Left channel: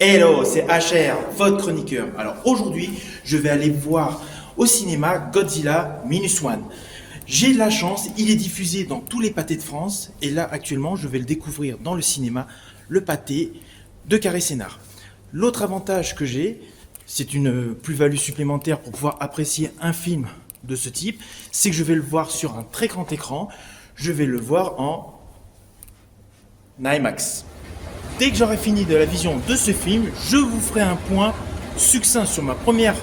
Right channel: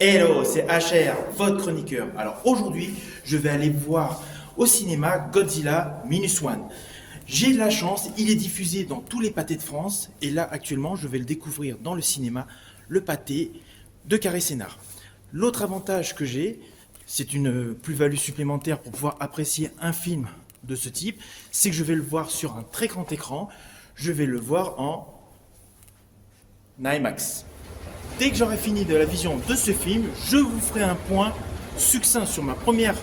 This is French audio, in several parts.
Hello, c'est HR, votre chroniqueur. Alors aujourd'hui, je vais aller voir au cinéma Godzilla Minus One. J'ai de la chance, il est diffusé dans tous les pâtés de France et là actuellement, je vais le découvrir dans le cinéma, le pâté de Carré Sénard. L'autre avantage que j'ai, c'est une plus-value supplémentaire pour pouvoir apprécier un film de ce type, c'est que je vais le voir sur un très grand écran, je vais le voir en IMAX. Dès que j'aurai fini de la vision de ce film, je vous ferai un point succinct sur ma première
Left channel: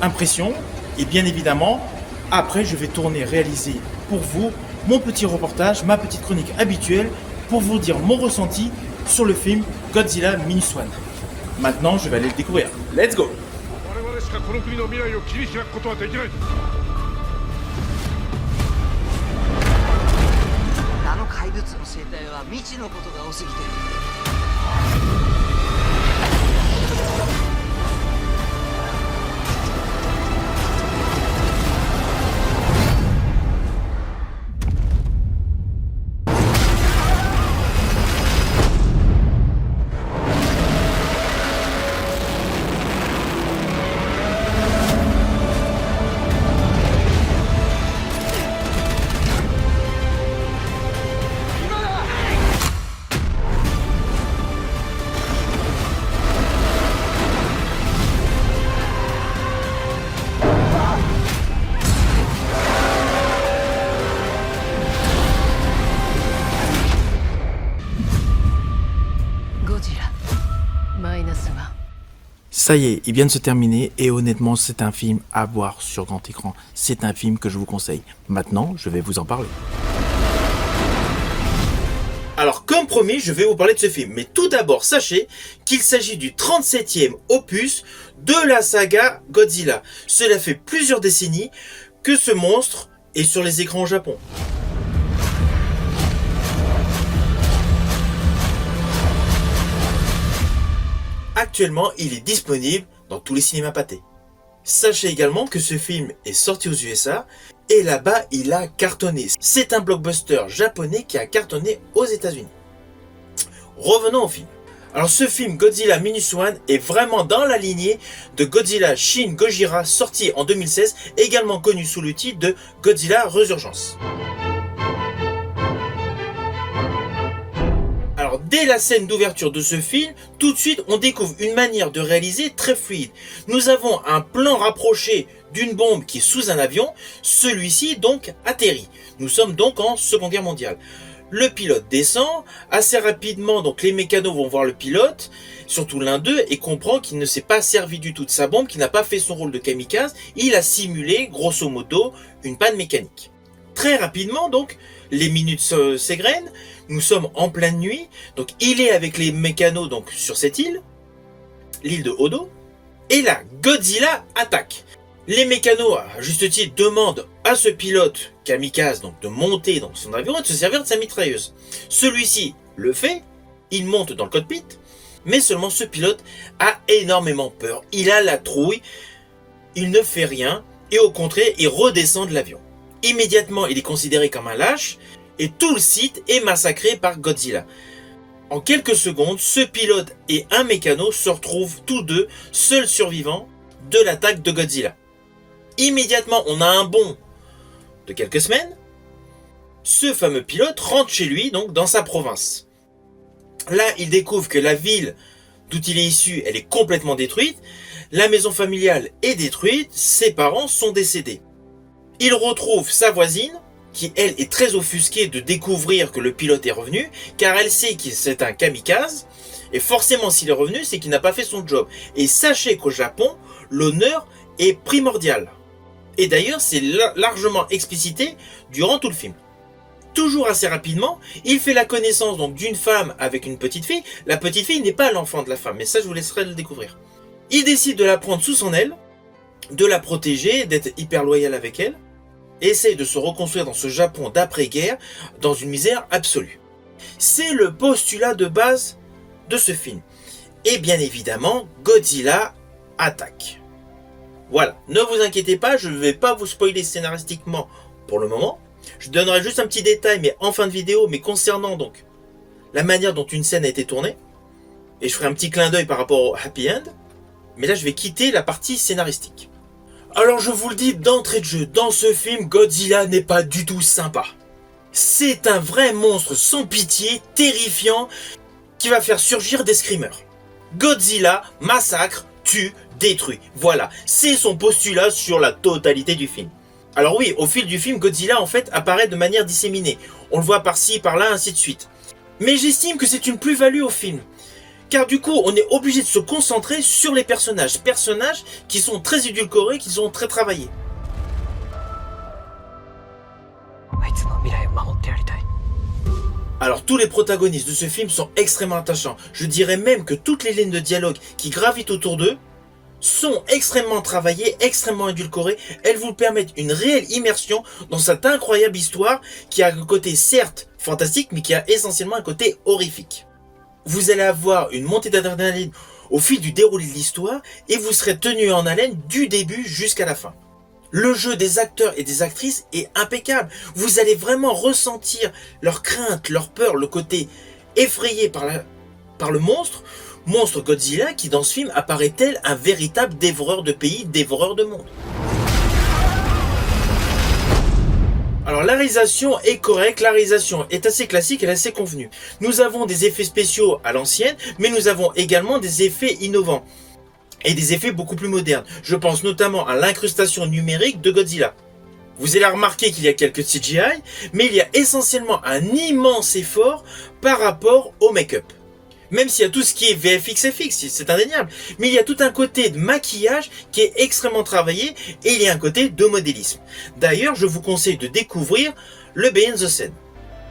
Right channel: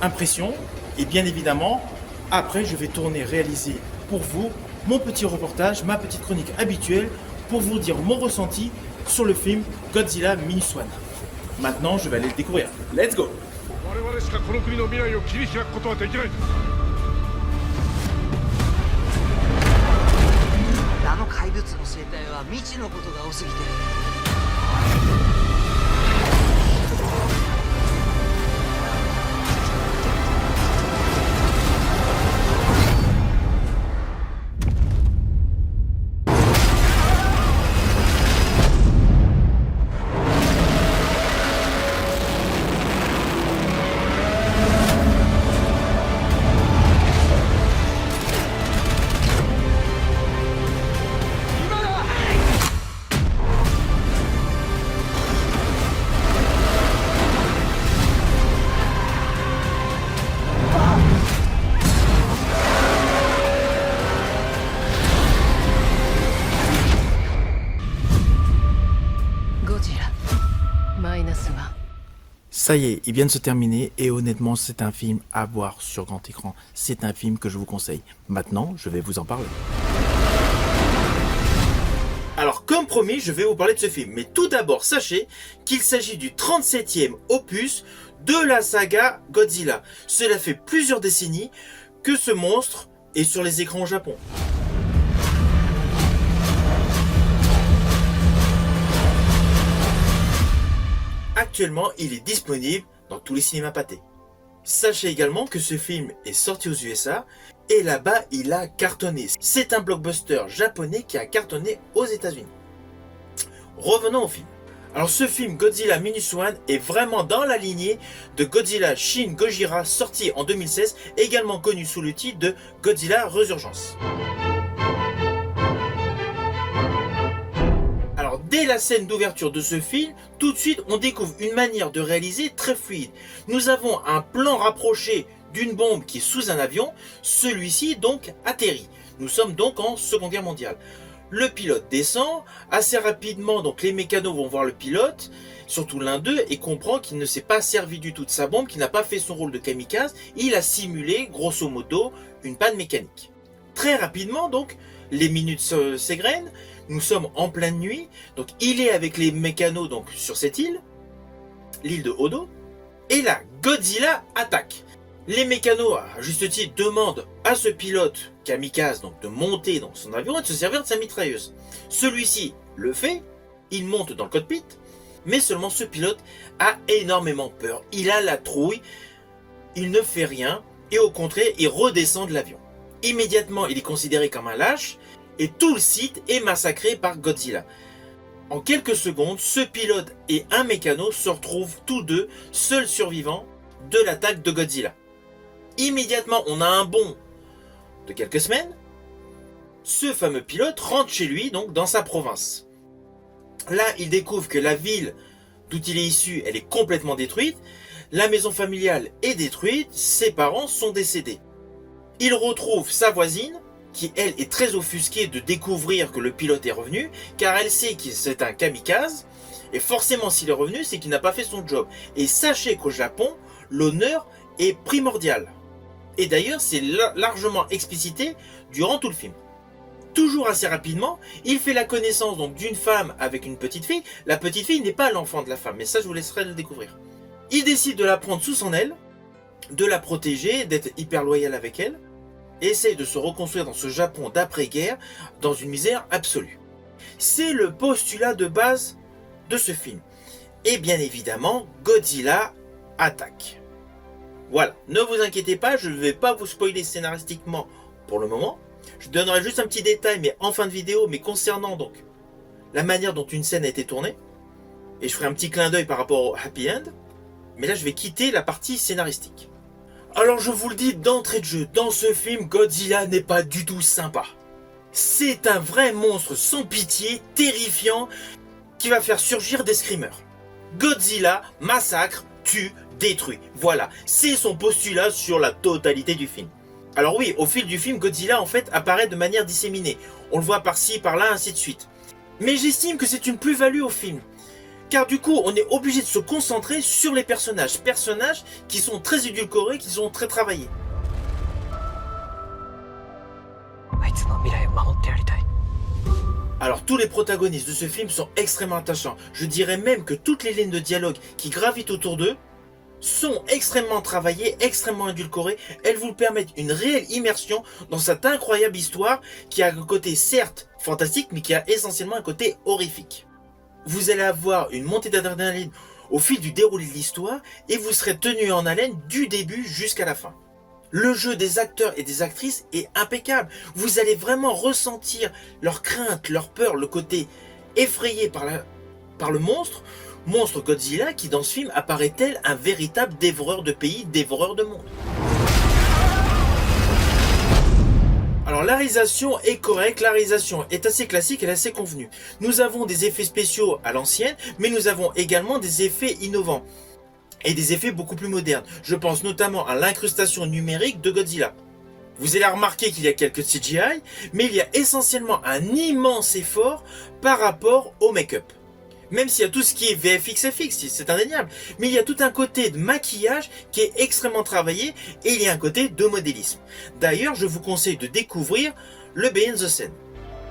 impression. Et bien évidemment, après, je vais tourner, réaliser pour vous mon petit reportage, ma petite chronique habituelle pour vous dire mon ressenti sur le film Godzilla Minus One. Maintenant, je vais aller le découvrir. Let's go! 我々しかこの国の未来を切り開くことはできない。あの怪物の生態は未知のことが多すぎて。ゴジラマイナスワン。 Ça y est, il vient de se terminer et honnêtement, c'est un film à voir sur grand écran. C'est un film que je vous conseille. Maintenant, je vais vous en parler. Alors, comme promis, je vais vous parler de ce film. Mais tout d'abord, sachez qu'il s'agit du 37e opus de la saga Godzilla. Cela fait plusieurs décennies que ce monstre est sur les écrans au Japon. Actuellement, il est disponible dans tous les cinémas pâtés. Sachez également que ce film est sorti aux USA et là-bas, il a cartonné. C'est un blockbuster japonais qui a cartonné aux États-Unis. Revenons au film. Alors ce film Godzilla Minus One est vraiment dans la lignée de Godzilla Shin Gojira sorti en 2016, également connu sous le titre de Godzilla Resurgence. Alors dès la scène d'ouverture de ce film, tout de suite on découvre une manière de réaliser très fluide. Nous avons un plan rapproché d'une bombe qui est sous un avion, celui-ci donc atterrit. Nous sommes donc en Seconde Guerre mondiale. Le pilote descend, assez rapidement donc les mécanos vont voir le pilote, surtout l'un d'eux, et comprend qu'il ne s'est pas servi du tout de sa bombe, qu'il n'a pas fait son rôle de kamikaze, il a simulé grosso modo une panne mécanique. Très rapidement donc, les minutes s'égrènent, nous sommes en pleine nuit, donc il est avec les mécanos donc sur cette île, l'île de Odo, et là Godzilla attaque. Les mécanos, à juste titre, demandent à ce pilote kamikaze donc de monter dans son avion et de se servir de sa mitrailleuse. Celui-ci le fait, il monte dans le cockpit, mais seulement ce pilote a énormément peur. Il a la trouille, il ne fait rien et au contraire, il redescend de l'avion. Immédiatement, il est considéré comme un lâche et tout le site est massacré par Godzilla. En quelques secondes, ce pilote et un mécano se retrouvent tous deux seuls survivants de l'attaque de Godzilla. Immédiatement, on a un bond de quelques semaines. Ce fameux pilote rentre chez lui, donc dans sa province. Là, il découvre que la ville d'où il est issu, elle est complètement détruite. La maison familiale est détruite. Ses parents sont décédés. Il retrouve sa voisine, qui elle est très offusquée de découvrir que le pilote est revenu, car elle sait que c'est un kamikaze. Et forcément, s'il est revenu, c'est qu'il n'a pas fait son job. Et sachez qu'au Japon, l'honneur est primordial. Et d'ailleurs, c'est largement explicité durant tout le film. Toujours assez rapidement, il fait la connaissance donc d'une femme avec une petite fille. La petite fille n'est pas l'enfant de la femme, mais ça je vous laisserai le découvrir. Il décide de la prendre sous son aile, de la protéger, d'être hyper loyal avec elle, et essaye de se reconstruire dans ce Japon d'après-guerre, dans une misère absolue. C'est le postulat de base de ce film. Et bien évidemment, Godzilla attaque. Voilà, ne vous inquiétez pas, je ne vais pas vous spoiler scénaristiquement pour le moment. Je donnerai juste un petit détail, mais en fin de vidéo, mais concernant donc la manière dont une scène a été tournée. Et je ferai un petit clin d'œil par rapport au happy end. Mais là, je vais quitter la partie scénaristique. Alors, je vous le dis d'entrée de jeu, dans ce film, Godzilla n'est pas du tout sympa. C'est un vrai monstre sans pitié, terrifiant, qui va faire surgir des screamers. Godzilla massacre, tue, détruit. Voilà, c'est son postulat sur la totalité du film. Alors oui, au fil du film, Godzilla en fait apparaît de manière disséminée. On le voit par-ci, par-là, ainsi de suite. Mais j'estime que c'est une plus-value au film. Car du coup, on est obligé de se concentrer sur les personnages. Personnages qui sont très édulcorés, qui sont très travaillés. あいつの未来を守ってやりたい。 Alors tous les protagonistes de ce film sont extrêmement attachants. Je dirais même que toutes les lignes de dialogue qui gravitent autour d'eux sont extrêmement travaillées, extrêmement édulcorées. Elles vous permettent une réelle immersion dans cette incroyable histoire qui a un côté certes fantastique, mais qui a essentiellement un côté horrifique. Vous allez avoir une montée d'adrénaline au fil du déroulé de l'histoire et vous serez tenu en haleine du début jusqu'à la fin. Le jeu des acteurs et des actrices est impeccable. Vous allez vraiment ressentir leur crainte, leur peur, le côté effrayé par le monstre Godzilla qui dans ce film apparaît tel un véritable dévoreur de pays, dévoreur de monde. Alors la réalisation est correcte, la réalisation est assez classique, elle est assez convenue. Nous avons des effets spéciaux à l'ancienne, mais nous avons également des effets innovants. Et des effets beaucoup plus modernes. Je pense notamment à l'incrustation numérique de Godzilla. Vous allez remarquer qu'il y a quelques CGI, mais il y a essentiellement un immense effort par rapport au make-up. Même s'il y a tout ce qui est VFX, FX, c'est indéniable. Mais il y a tout un côté de maquillage qui est extrêmement travaillé et il y a un côté de modélisme. D'ailleurs, je vous conseille de découvrir le Behind the Scene.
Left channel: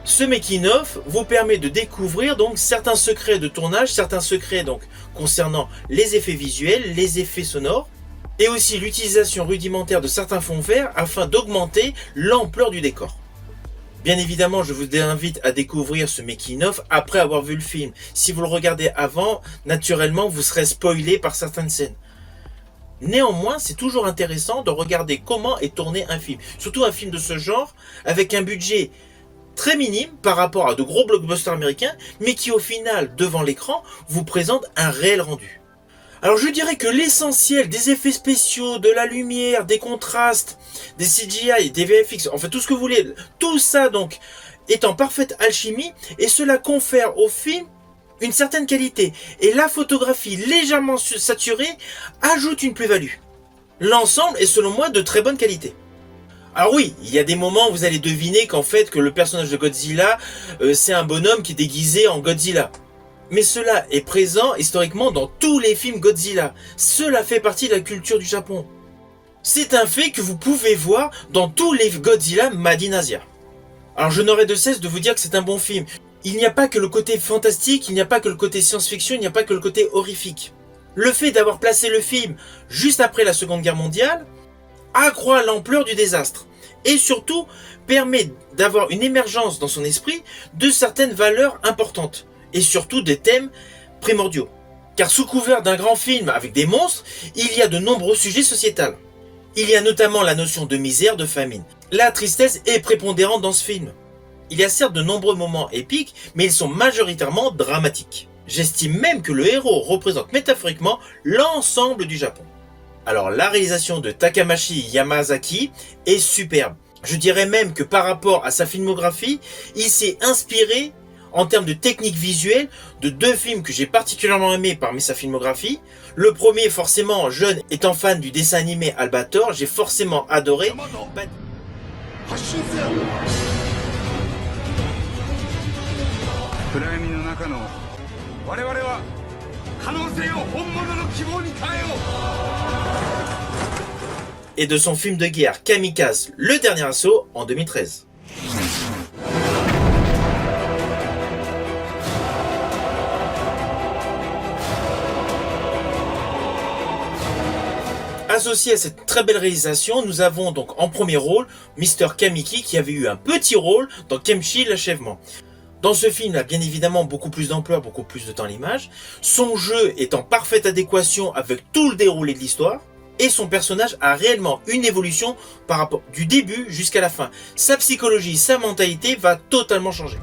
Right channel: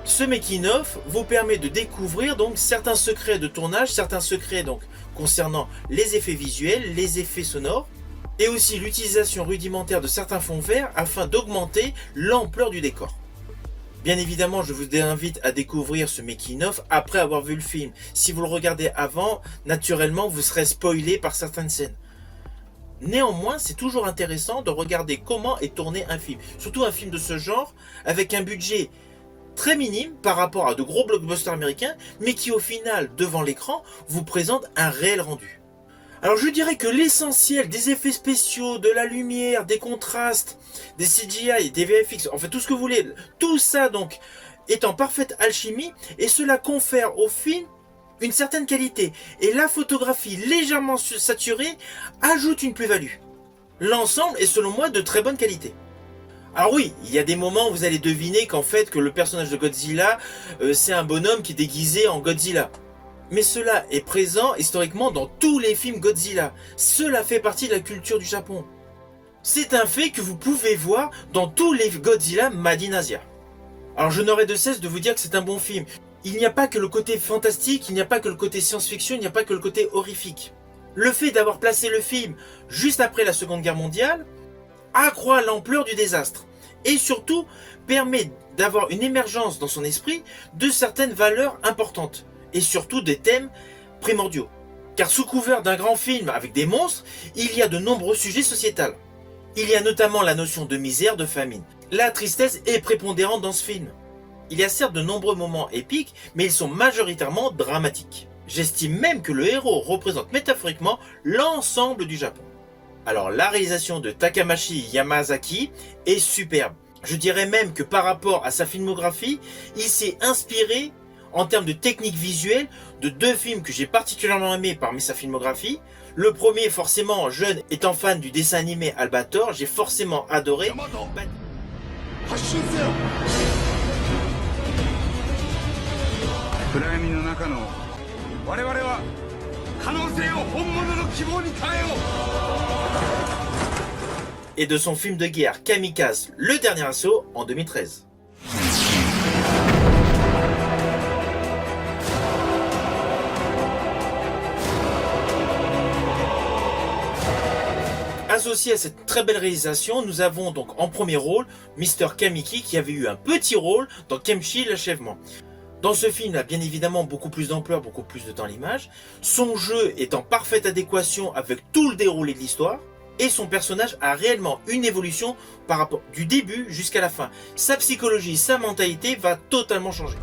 Ce making-of vous permet de découvrir donc certains secrets de tournage, certains secrets donc concernant les effets visuels, les effets sonores, et aussi l'utilisation rudimentaire de certains fonds verts afin d'augmenter l'ampleur du décor. Bien évidemment, je vous invite à découvrir ce making-of après avoir vu le film. Si vous le regardez avant, naturellement, vous serez spoilé par certaines scènes. Néanmoins, c'est toujours intéressant de regarder comment est tourné un film. Surtout un film de ce genre, avec un budget très minime par rapport à de gros blockbusters américains, mais qui au final, devant l'écran, vous présente un réel rendu. Alors je dirais que l'essentiel des effets spéciaux, de la lumière, des contrastes, des CGI, des VFX, en fait tout ce que vous voulez, tout ça donc est en parfaite alchimie et cela confère au film une certaine qualité. Et la photographie légèrement saturée ajoute une plus-value. L'ensemble est selon moi de très bonne qualité. Alors oui, il y a des moments où vous allez deviner qu'en fait que le personnage de Godzilla, c'est un bonhomme qui est déguisé en Godzilla. Mais cela est présent historiquement dans tous les films Godzilla. Cela fait partie de la culture du Japon. C'est un fait que vous pouvez voir dans tous les Godzilla Made in Asia. Alors je n'aurai de cesse de vous dire que c'est un bon film. Il n'y a pas que le côté fantastique, il n'y a pas que le côté science-fiction, il n'y a pas que le côté horrifique. Le fait d'avoir placé le film juste après la Seconde Guerre mondiale accroît l'ampleur du désastre et surtout permet d'avoir une émergence dans son esprit de certaines valeurs importantes et surtout des thèmes primordiaux. Car sous couvert d'un grand film avec des monstres, il y a de nombreux sujets sociétals. Il y a notamment la notion de misère, de famine. La tristesse est prépondérante dans ce film. Il y a certes de nombreux moments épiques, mais ils sont majoritairement dramatiques. J'estime même que le héros représente métaphoriquement l'ensemble du Japon. Alors la réalisation de Takamashi Yamazaki est superbe. Je dirais même que par rapport à sa filmographie, il s'est inspiré en termes de technique visuelle de deux films que j'ai particulièrement aimés parmi sa filmographie. Le premier, forcément, jeune étant fan du dessin animé Albator, j'ai forcément adoré. 暗闇の中の我々は可能性を本物の希望に変えよう Et de son film de guerre Kamikaze, le dernier assaut, en 2013. Associé à cette très belle réalisation, nous avons donc en premier rôle Mr. Kamiki qui avait eu un petit rôle dans Kenshi l'achèvement. Dans ce film, il a bien évidemment beaucoup plus d'ampleur, beaucoup plus de temps à l'image. Son jeu est en parfaite adéquation avec tout le déroulé de l'histoire. Et son personnage a réellement une évolution par rapport du début jusqu'à la fin. Sa psychologie, sa mentalité va totalement changer.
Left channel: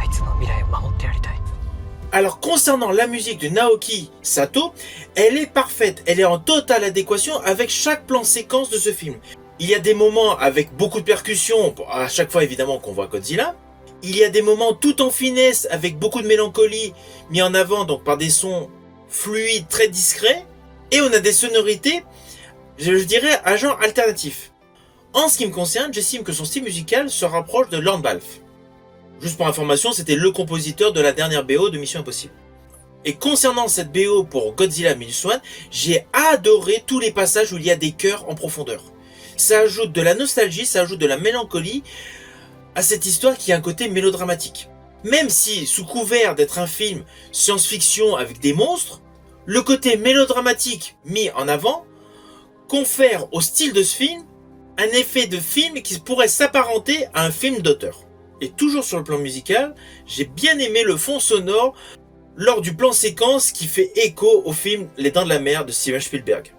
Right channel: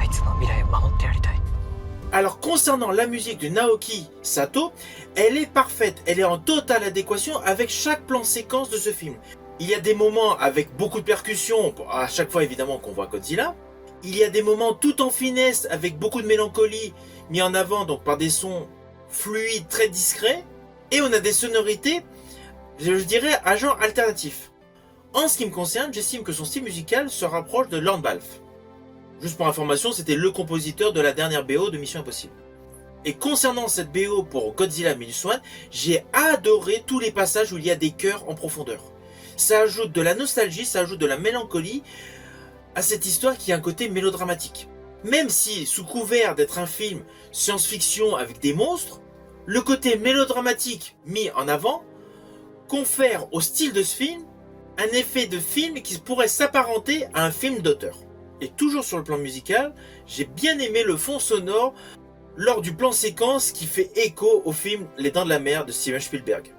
あいつの未来を守ってやりたい。 Alors concernant la musique de Naoki Sato, elle est parfaite, elle est en totale adéquation avec chaque plan séquence de ce film. Il y a des moments avec beaucoup de percussions, à chaque fois évidemment qu'on voit Godzilla. Il y a des moments tout en finesse avec beaucoup de mélancolie mis en avant donc par des sons fluides très discrets. Et on a des sonorités, je dirais, à genre alternatif. En ce qui me concerne, j'estime que son style musical se rapproche de Lord Balfe. Juste pour information, c'était le compositeur de la dernière BO de Mission Impossible. Et concernant cette BO pour Godzilla Minus One, j'ai adoré tous les passages où il y a des chœurs en profondeur. Ça ajoute de la nostalgie, ça ajoute de la mélancolie à cette histoire qui a un côté mélodramatique. Même si, sous couvert d'être un film science-fiction avec des monstres, le côté mélodramatique mis en avant confère au style de ce film un effet de film qui pourrait s'apparenter à un film d'auteur. Et toujours sur le plan musical, j'ai bien aimé le fond sonore lors du plan séquence qui fait écho au film Les Dents de la Mer de Steven Spielberg.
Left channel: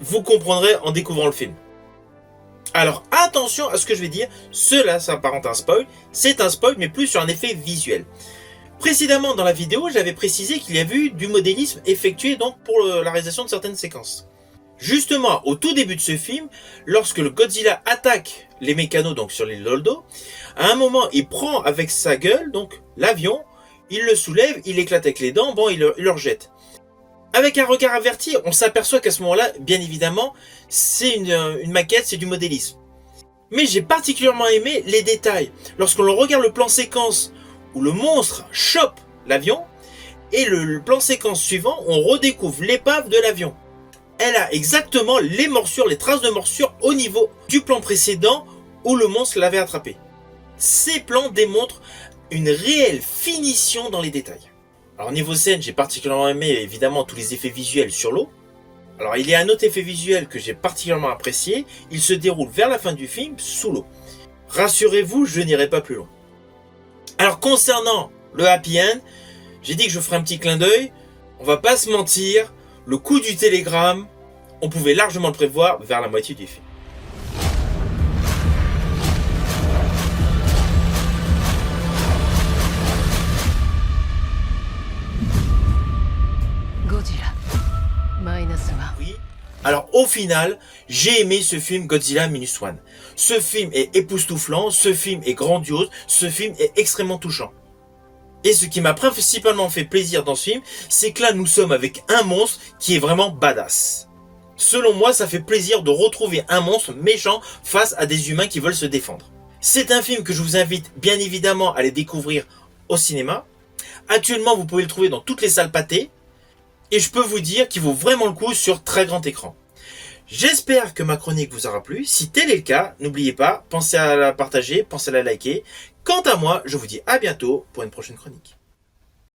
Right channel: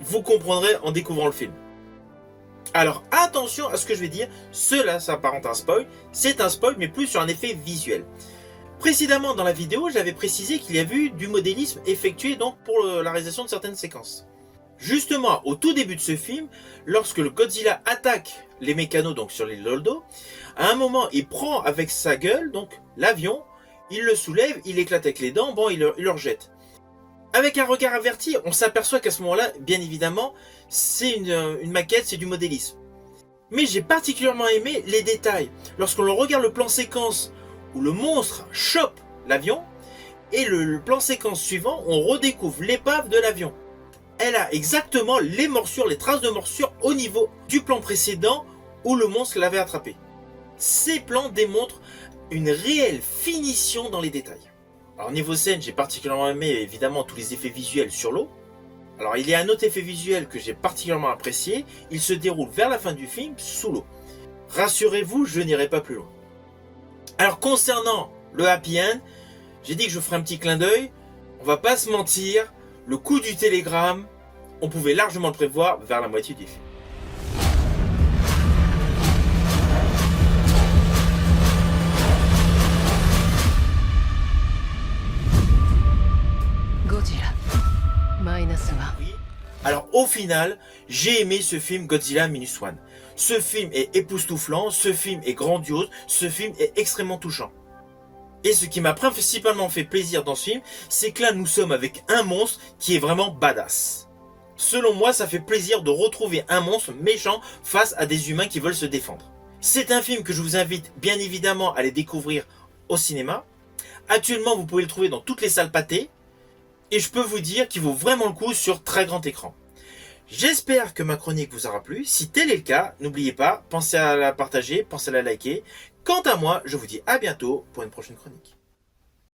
Vous comprendrez en découvrant le film. Alors attention à ce que je vais dire, cela s'apparente à un spoil, c'est un spoil mais plus sur un effet visuel. Précédemment dans la vidéo, j'avais précisé qu'il y avait eu du modélisme effectué donc pour la réalisation de certaines séquences. Justement, au tout début de ce film, lorsque le Godzilla attaque les mécanos donc sur l'île Doldo, à un moment, il prend avec sa gueule donc l'avion, il le soulève, il éclate avec les dents, bon, il le rejette. Avec un regard averti, on s'aperçoit qu'à ce moment-là, bien évidemment, c'est une maquette, c'est du modélisme. Mais j'ai particulièrement aimé les détails. Lorsqu'on regarde le plan séquence où le monstre chope l'avion, et le plan séquence suivant, on redécouvre l'épave de l'avion. Elle a exactement les morsures, les traces de morsures au niveau du plan précédent où le monstre l'avait attrapé. Ces plans démontrent une réelle finition dans les détails. Alors niveau scène, j'ai particulièrement aimé évidemment tous les effets visuels sur l'eau. Alors il y a un autre effet visuel que j'ai particulièrement apprécié, il se déroule vers la fin du film sous l'eau. Rassurez-vous, je n'irai pas plus loin. Alors concernant le happy end, j'ai dit que je ferai un petit clin d'œil, on va pas se mentir, le coup du télégramme, on pouvait largement le prévoir vers la moitié du film. Godzilla -1. Oui. Alors au final, j'ai aimé ce film Godzilla Minus One. Ce film est époustouflant, ce film est grandiose, ce film est extrêmement touchant. Et ce qui m'a principalement fait plaisir dans ce film, c'est que là nous sommes avec un monstre qui est vraiment badass. Selon moi, ça fait plaisir de retrouver un monstre méchant face à des humains qui veulent se défendre. C'est un film que je vous invite bien évidemment à aller découvrir au cinéma. Actuellement, vous pouvez le trouver dans toutes les salles pâtées. Et je peux vous dire qu'il vaut vraiment le coup sur très grand écran. J'espère que ma chronique vous aura plu. Si tel est le cas, n'oubliez pas, pensez à la partager, pensez à la liker. Quant à moi, je vous dis à bientôt pour une prochaine chronique.